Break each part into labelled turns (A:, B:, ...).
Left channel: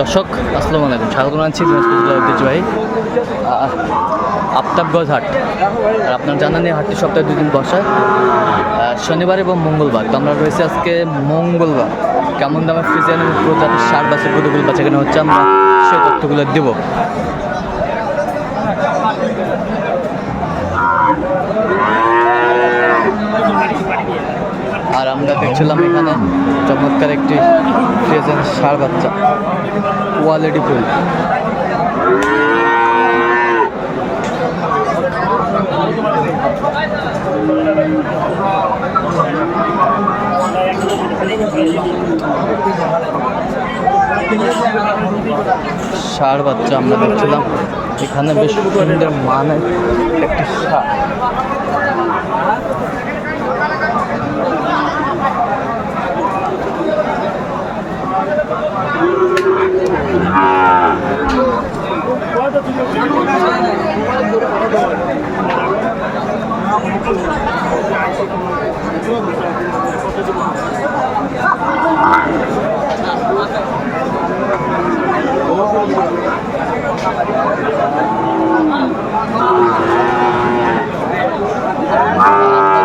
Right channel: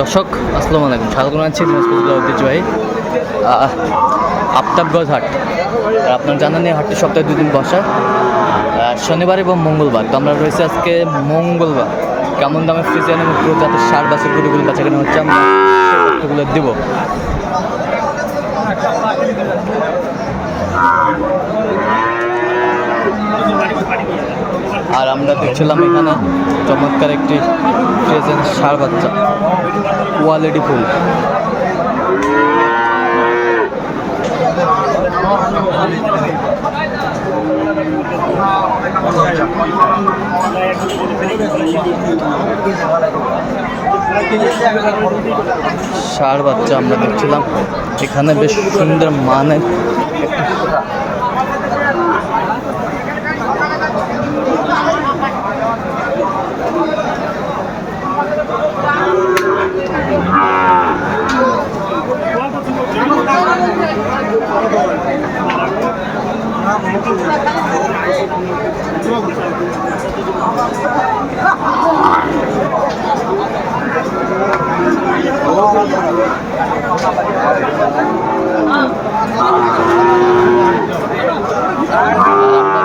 A: দর্শক, আসসালামু আলাইকুম। স্বাগত জানাচ্ছি দিনাজপুর জেলা ঐতিহ্যবাহী আফতাবগঞ্জ হাট। আর আপনার জানা নেই হাটটি সপ্তাহে দুদিন বসা শনিবার এবং মঙ্গলবার। তো আমরা রয়েছে আজকে মঙ্গলবার। কেমন দামে ফ্রিজিয়ান এবং প্রজাতির সার বাসের গরুগুলো বাচ্চা কেনা হচ্ছে, আমরা সেই তথ্যগুলো দেবো। আর আমরা দেখছিলাম এখানে চমৎকার একটি ফ্রিজিয়ান সার বাচ্চা কোয়ালিটি ফুল। ষাঁড় বাচ্চা আমরা দেখছিলাম। এখানে বেশ সুন্দর মানের একটি ষাঁড়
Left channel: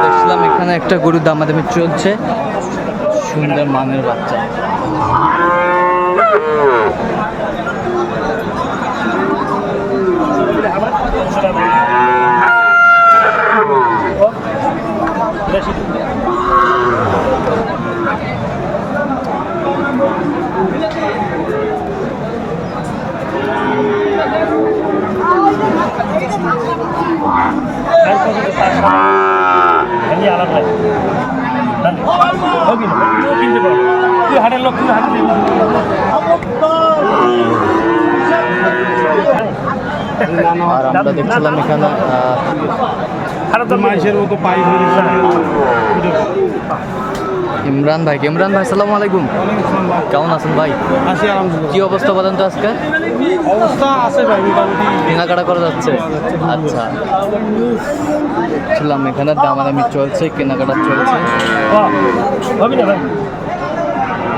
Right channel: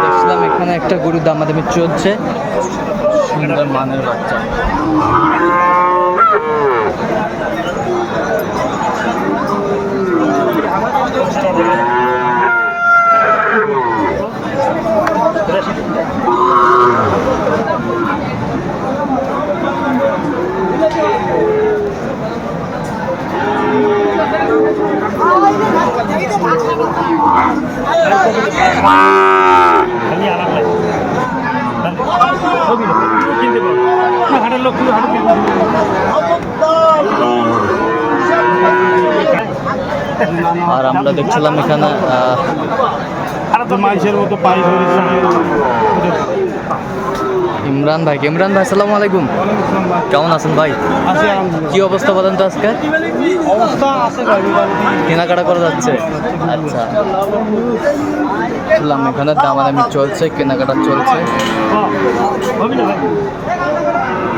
A: দেখছিলাম এখানে একটা গরু দামাদামি চলছে সুন্দর মানের বাচ্চা। আর আমরা দেখছিলাম এখানে আহ,
B: মতো পাই
A: ইমরান ভাই ইমরান ভাই সালাম আলাইকুম। কেমন আছেন ভাই? কি অবস্থা বলেন তো আজকে?
B: অবস্থা আছে ভাই মোটামুটি।
A: কেনাকাটা করা যাচ্ছে? আচ্ছা। শুনলাম এখানে দামাদামি চলছে কেনাকাটা চলছে
B: হ্যাঁ, হবে না ভাই সেই কাটা ভাই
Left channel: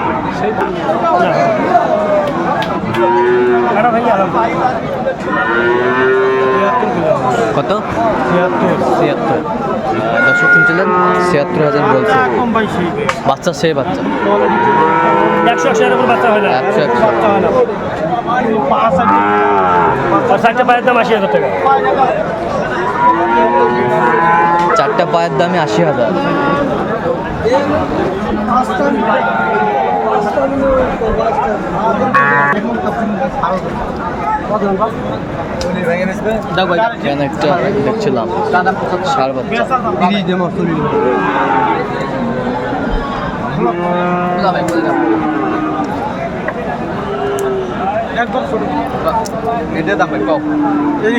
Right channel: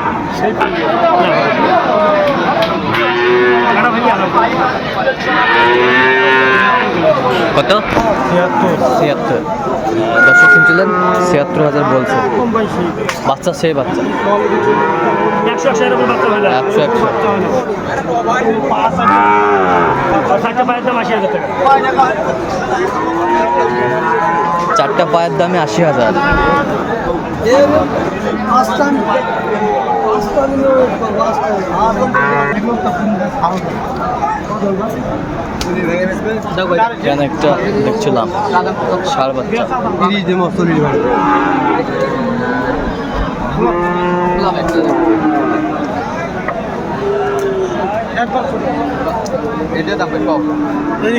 B: আলাদা
A: কত?
B: ছিয়াত্তর।
A: ছিয়াত্তর। দর্শক শুনছিলেন? ছিয়াত্তর হাজার বলছে। বাচ্চা সে বাচ্চা।
B: একশো একশো চারটে পায়ের দামে আশি হাজার।
A: এখানে একটা দেখছিলাম সার বাচ্চা।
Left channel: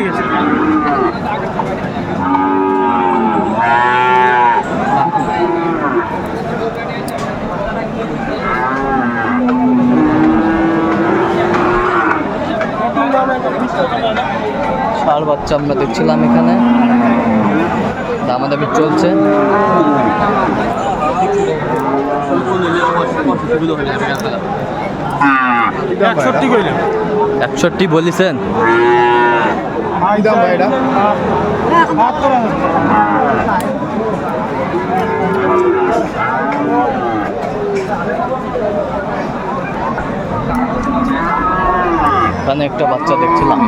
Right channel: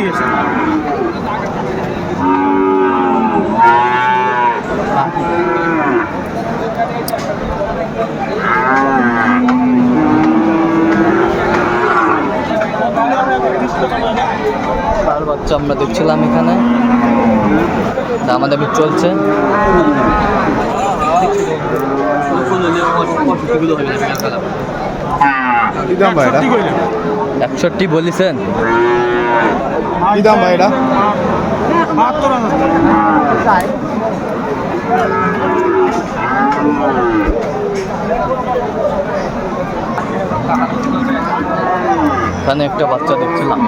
B: গেছে
A: সার বাচ্চা আমরা দেখছিলাম এখানে। দামাদামি চলছে।
B: একষট্টি
A: বলিছেন? এখানে একটা বাচ্চা দেখছিলাম।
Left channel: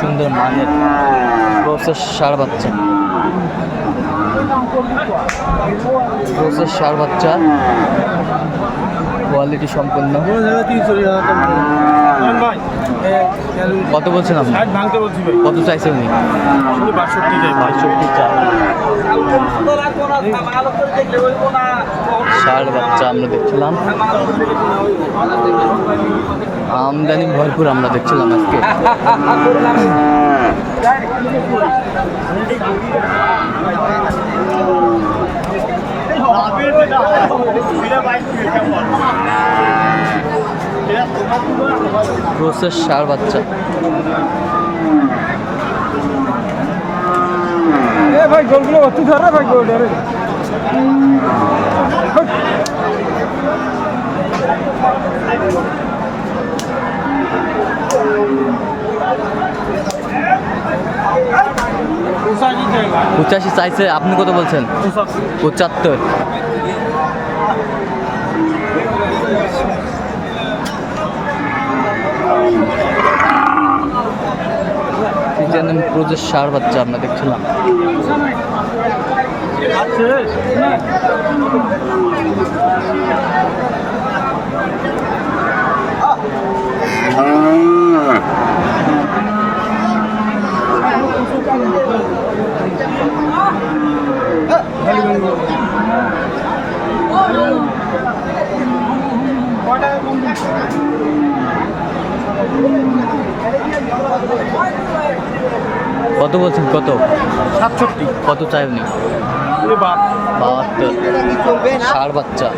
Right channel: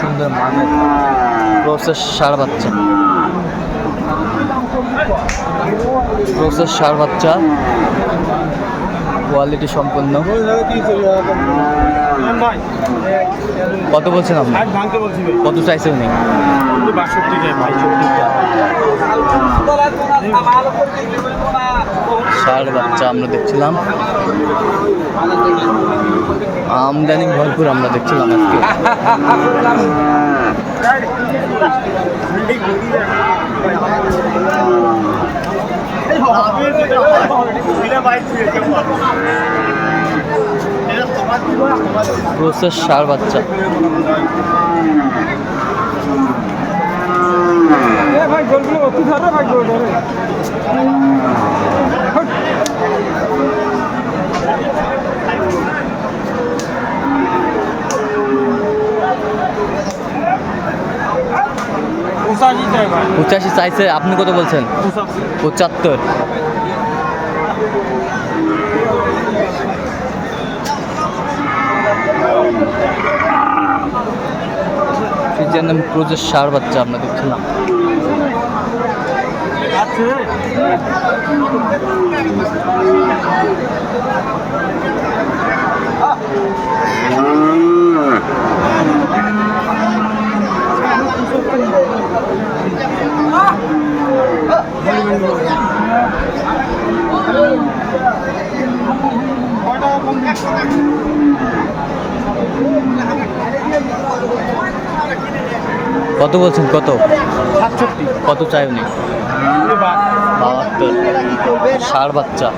A: সুন্দর মানের প্রসেস সার বাচ্চা। প্রসেস সার বাচ্চা। কোয়ালিটি সম্পন্ন। কত বলছেন আপনি কত চাইছে উনি
B: বাষট্টি
A: ষাট বাচ্চা আমরা দেখছিলাম আমদানি ভরপুর আমরা দেখছিলাম আজকে প্রসেস সার বাচ্চা। পঁচাশি চাইছে আপনি কত বলছেন? পঁচাত্তর। ফিজিয়ান প্রোজের সার বাচ্চা আমরা দেখছিলাম।
B: আছে।
A: কত বলছেন? কত?
B: সাতষট্টি।
A: কত চাই উনি বাহাত্তর। ষাড় বাচ্চা।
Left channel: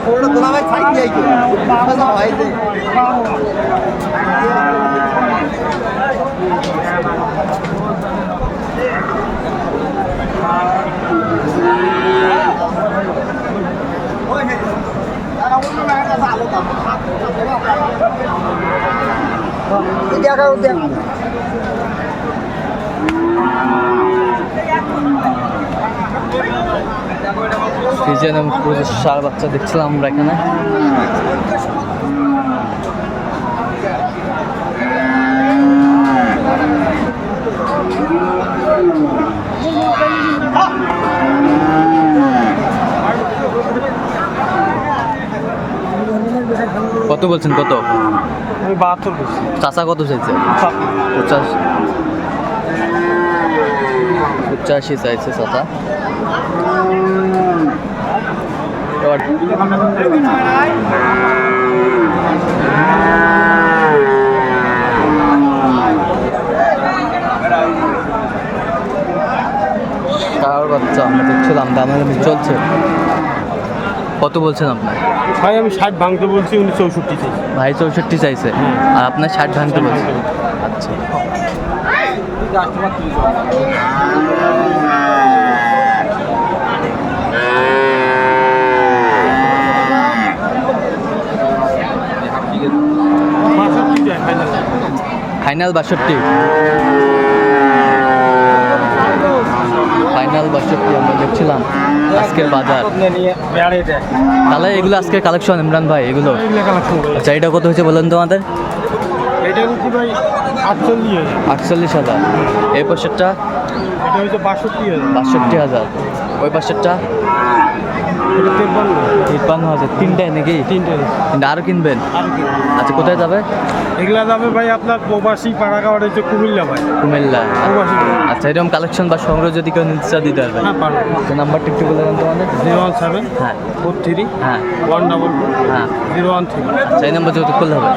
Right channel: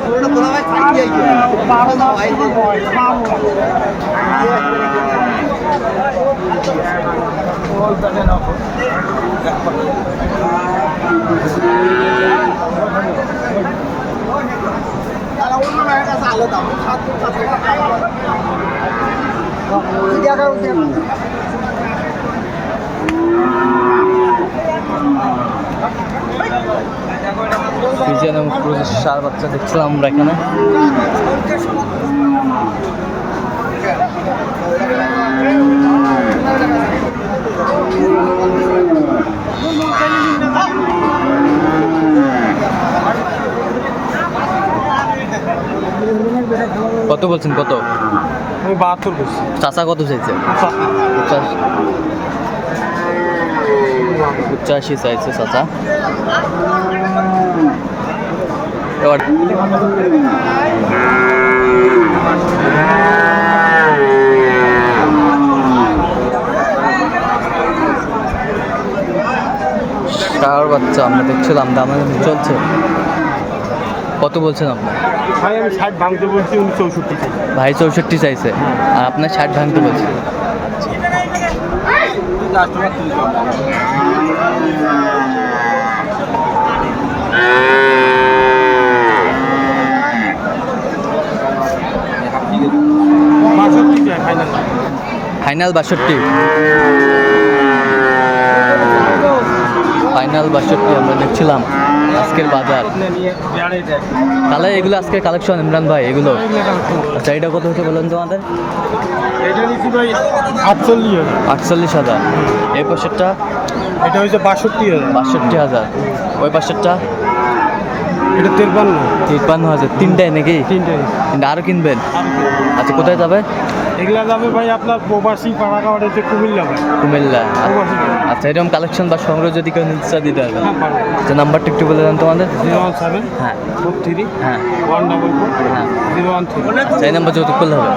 A: ফিজিয়ান এবং প্রোজের ষাড় বাচ্চা দেখছিলাম আমরা এখানে। কত বলছেন কত?
B: আমি বাহাত্তর বলছি।
A: চাচা কত চাইছে? পঁচাশি চাইছে চাচা। এবার ষাঁড় বাচ্চা আমরা দেখছিলাম দামাদামি চলছে। কত বলছেন আপনার
B: ভাই আমি ষাট ভাঙতে বলছি উনি চৌষট্টি চাই
A: ভাই চৌষট্টি চাইছে। আর আপনার ষাট ভাঙতে বলছে আচ্ছা।
B: ফাইনাল
A: বাষট্টি। ফাইনাল বাষট্টি আমরা দেখছিলাম আজকের বাজার। তাহলে এগুলো আজকের কালেকশন ইমরান ভাই এগুলো। আচ্ছা এটা কত হয়েছে বলেন
B: নিচ্ছি ভাই আটচল্লিশ
A: হাজার। এই পাশেরটা?
B: এটা হচ্ছে বাষট্টি হাজার।
A: বাষট্টি হাজার। ওই পাশেরটা?
B: এটা তেরপান্ন।
A: তিপ্পান্ন হাজার। তিনটায় নাকি?
B: তিনটে।
A: তিনটা। আরও কিনবেন?
B: আর
A: আচ্ছা কোথায় যাবে?
B: এগুলা যাবে ভাই আপনার প্রবাসী পাড়াগাওয়ার হচ্ছে কুমিল্লা ভাই।
A: কুমিল্লা। আচ্ছা এরকম কালেকশন বা সংগ্রহ যদি কেউ নিতে দিতে পারবেন
B: হ্যাঁ
A: আচ্ছা নাম্বারটা একটু বলে দেন তোমাদের।
B: জিরো ওয়ান সেভেন
A: হ্যাঁ।
B: ফোর থ্রি
A: হ্যাঁ।
B: ওয়ান ডাবল ফোর
A: হ্যাঁ।
B: Zero one three.
A: আচ্ছা এই নাম্বার যৌতুক করলে হবে।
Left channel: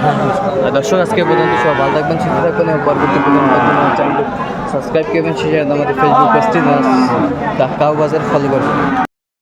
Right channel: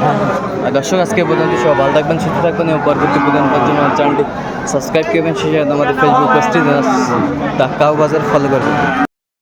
A: আর দর্শক আজকে পর্যন্ত সব ভালো থাকবেন সুস্থ থাকবেন এবং পরবর্তী পর্যন্ত জন্য আমার চ্যানেলটি সাবস্ক্রাইব করবেন। সেই সাথে আমাদের ফেসবুক পেজটি কাউ বাজার ফলো করবেন।